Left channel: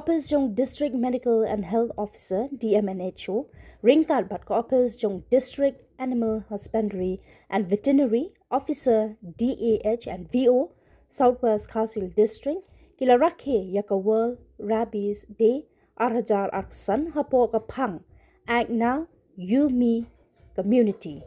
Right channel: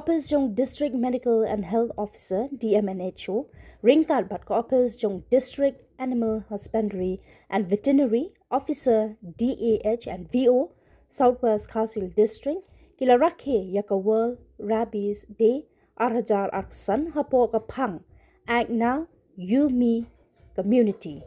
Office jong District Medical and Health Officer DMNHO, ringkat bat ko Office jong District Animal Husbandry and Veterinary Officer DAH and VO, Southwest Khasil District, kila rakhe yaka World Rabies Day arhajar arpsan hapo kapang, act now, you me community.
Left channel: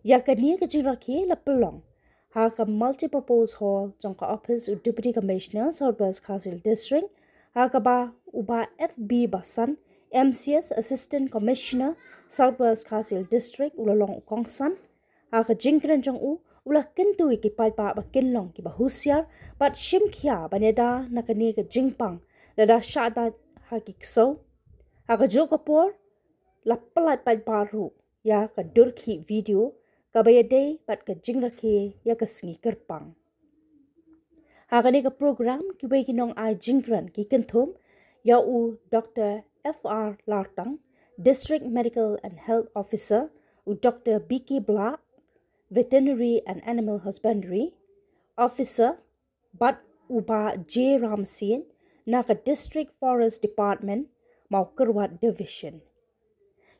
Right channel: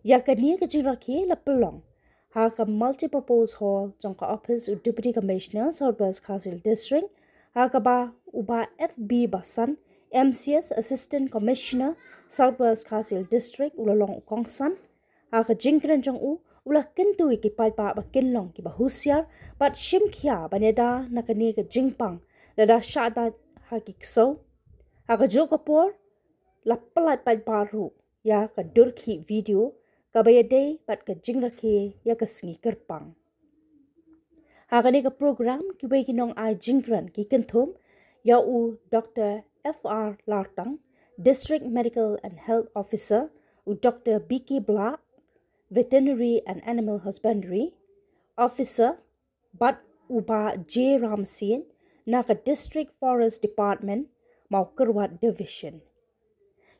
Yaka niya kajing rakhe la pelong, ha ka multi-purpose hall jong ka Office u Deputy Commissioner Southwest Khasil District, Hakaba uba FB Basan, MCS Assistant Commissioner, Southwest Khasil District, ulalong ukongsan, haka jingkren jong ula kentu ki paipa ba kinlong ki bahusyar, bat shimkia banyada nakani ka jingpang, lada syada haki kso, haka jokapor, lapalat paipa ru, ya ka durki video, kabayade bat ka jingrake ya ka singi kerpang. Hakani ka program kibai kinong ai jingkran ki kentum ya u Dr. FR Lartang, District Medical and Health Officer, u Dr. BK Black, Veterinary and Animal Husbandry Officer, bat uba J Ramsin na ka District Forest Department mau Kerwat Division.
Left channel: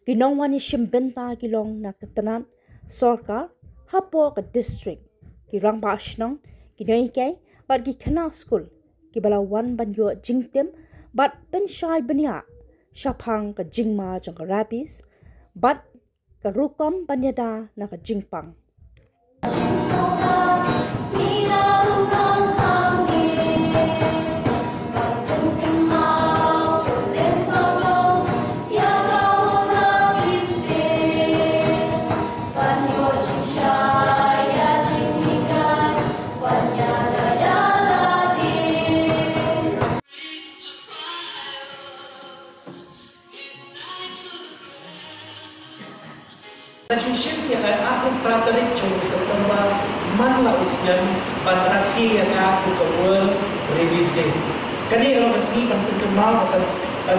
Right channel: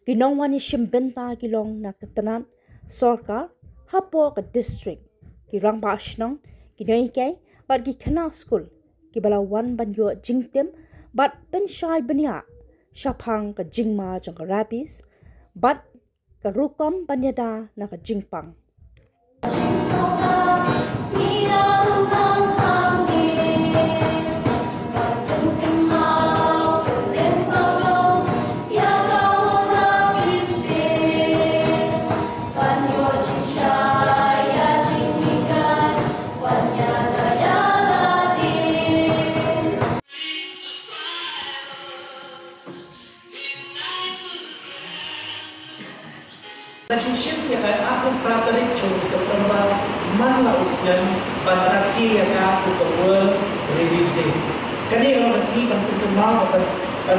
Kinong wani shimbenta kilong na katanan sorkar hapo ka district kirang baasnong kinong ikay bat ki kena school ki balawan banyo jingtem bat ben shai benya shapang ka jingma jang ka rabies bat ka rukom banyada na ka jingpang. Najushim yang aku praterik jauh September mana usian bandaki yang aku ke World Rabies Day. Kali kalau kesini kan kenal kan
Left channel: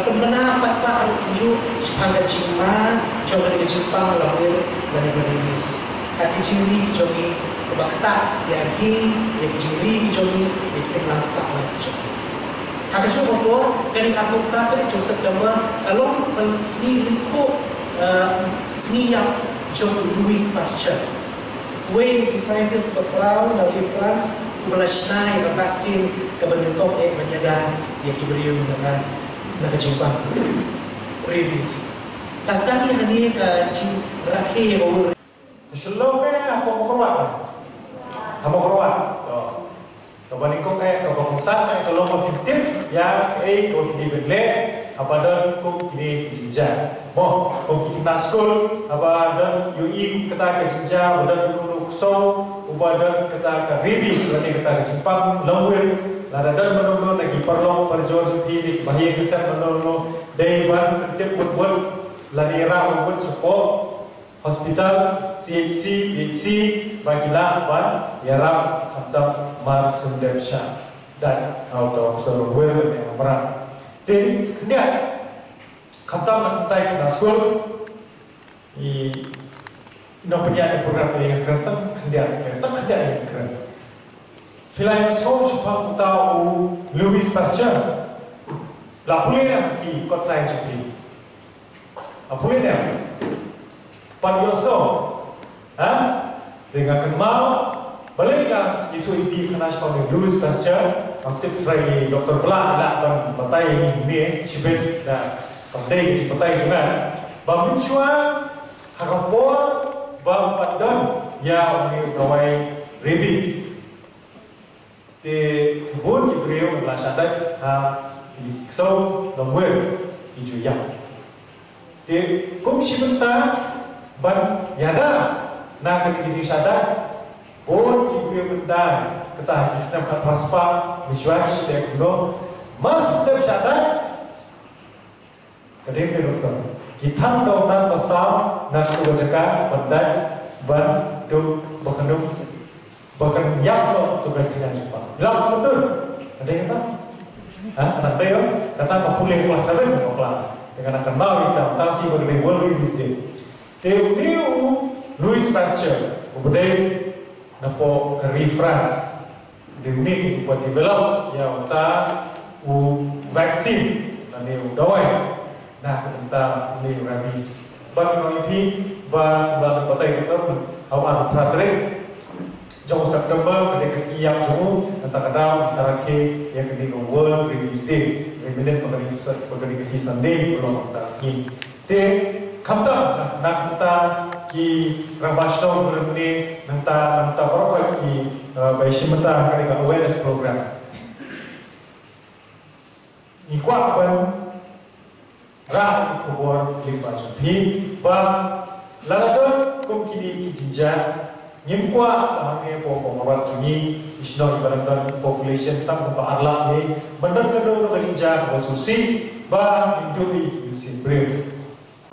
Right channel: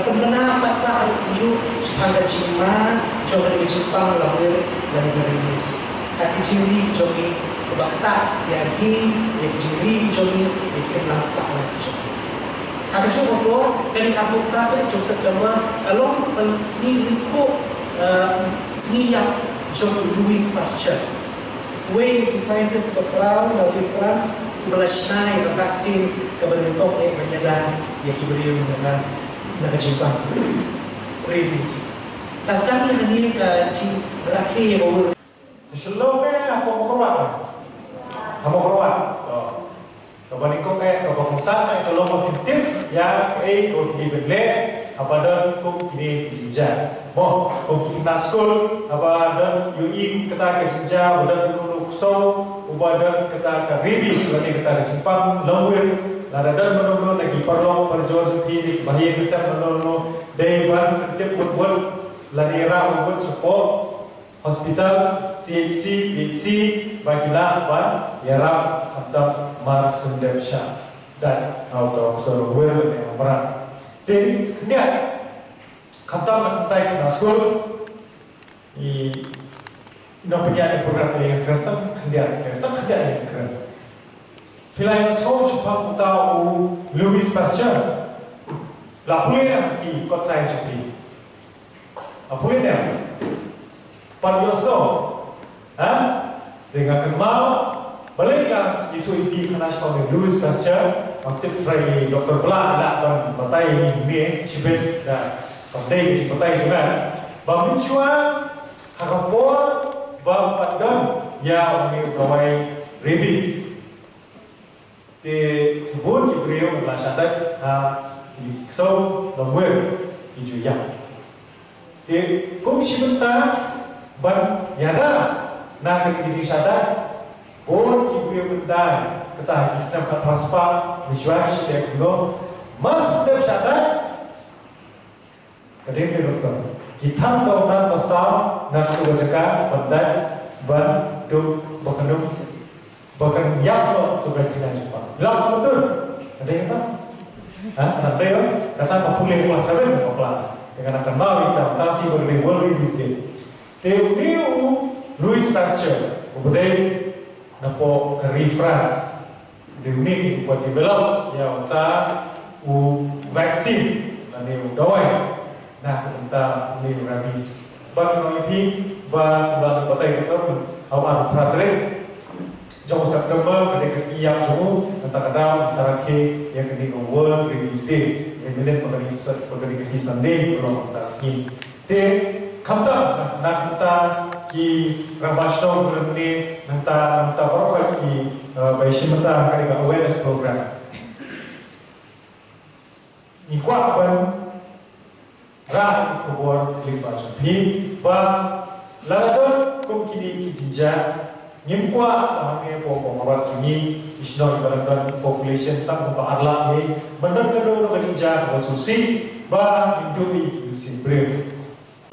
pernah apa ju angka cima coba di Jepang lahir dari rabies. Hati ciri jomi kebakta yagi yang ciri jomi bikin masak lagi. Aku coba keluar dari aku praterik jauh September along seni liko seni yang John Louis Pasteur. Wayne scientist berperang dari France melasnai vaksin kebentuk menjaga yang diberi dengan negara Jepang rabies. Tasdaq ini ke berakhir baru. Sebelumnya apa mau keluar? Kamu keluar. Kembali kau kau bangsa kalau mau fiktif ya kau dibeli apa dan kau kini jinjah. Mo, kau kena school, apa dan UI kita ke jinjah, dan dulu so, apa dan kita ke rabies, lagi kita ke Jepang, lawir, lada dan menurut lagi perlu perjuangan ini, bahaya besar menurut dewan tip buat lagi rau buat support hospital, CHC, BHC, bagilah apa ya rau atau marsendemsha dan kau tahu seluruh yang berat. Jadi dia kata mentai kena school, ino penyiar program yang keren, kendian yang keren. Pilihan sekolah supaya tahu Louis Pasteur, lapunya ki kot saya cuci, lapunya panjosno, dengan kenal, balik kan itu ibi kena sekolah Louis Pasteur, aktif dari Dokter Belah dan batai ini cibet dan penting cipetai juga. Bangun cua harapan bang padam ya mengawai rabies. Di kebun kibriu adalah syarat di so nomor hijau yang. Di kumsi benta ban yada nak kini syarat bon kibriu benda kita sistem transfer visual sudah kuno mas sistem syarat. Kadang doktor, kita tahu nak pasal nak kebajakan bandai ban dum bahkan yang tu berkena Jepang. Bilang betul, ada yang tak? Nanti kata kapulih pasaran kapal dengan akan mau kita tasi berdiri World Rabies Day. Teu Louis Pasteur, kemudian napo dari France, di unik buat develop ya kita vaksin ni doi nah kita ni rabies bagi noi pi ba kota itu awal pratrik jauh September pada kesiap jauh antara kadang sarake yang kini World Rabies Day yang bila pada kesi Sunday belum antara sini te kamta nak kita ki rabashno berni nanta profile ki baishimata kali awareness program ni kuat pun rah kubur lima jupi ba lalu kum kini kijinja nyimkwa hame po pengawat kini isno ibaratkan population tak untuk arlah ni benar kedua kijinja bersusi ba hindui kisi break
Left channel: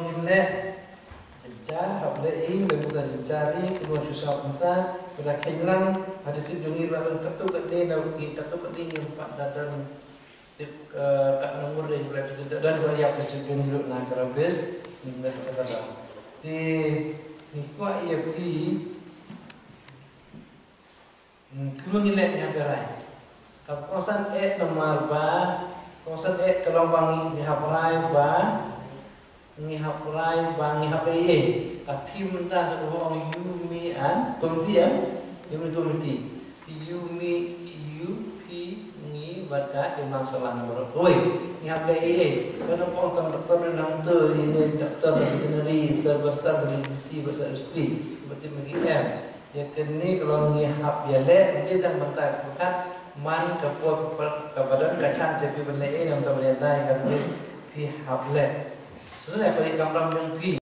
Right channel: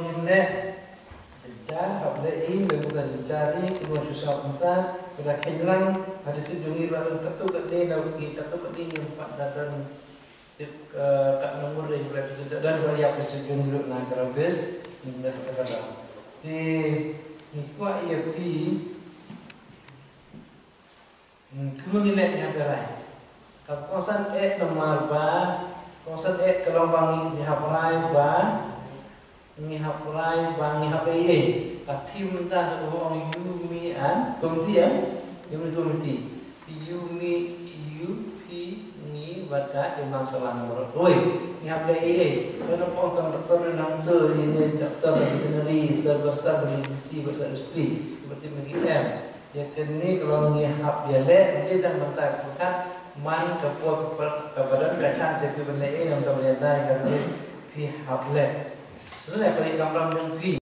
ini jejak apabila ini bermudah jejari kedua susah punta pada kehilangan ada sejumlah lalu ketuk kedai nauki ketuk kedai empat datang tak nomor dari berapa dan berapa presiden dulu nak terabis ini kata-kata di kuat ia pergi kemengilatnya berai kawasan nomor kawasan kelompang di hapai ngihapurai ngihapai tim dah sebuah orang yumian komiti yumi baca imam salam beroi ni hablai kana pon doktor nang tu ini doktor veterinary sebesar dari si besar istri seperti begitu ya kini kalau ni hab ya le dia dah mentak bukan man kapot kepada kacang tapi benda ini untuk benda lain kan pi hab le sebenarnya kalau kamu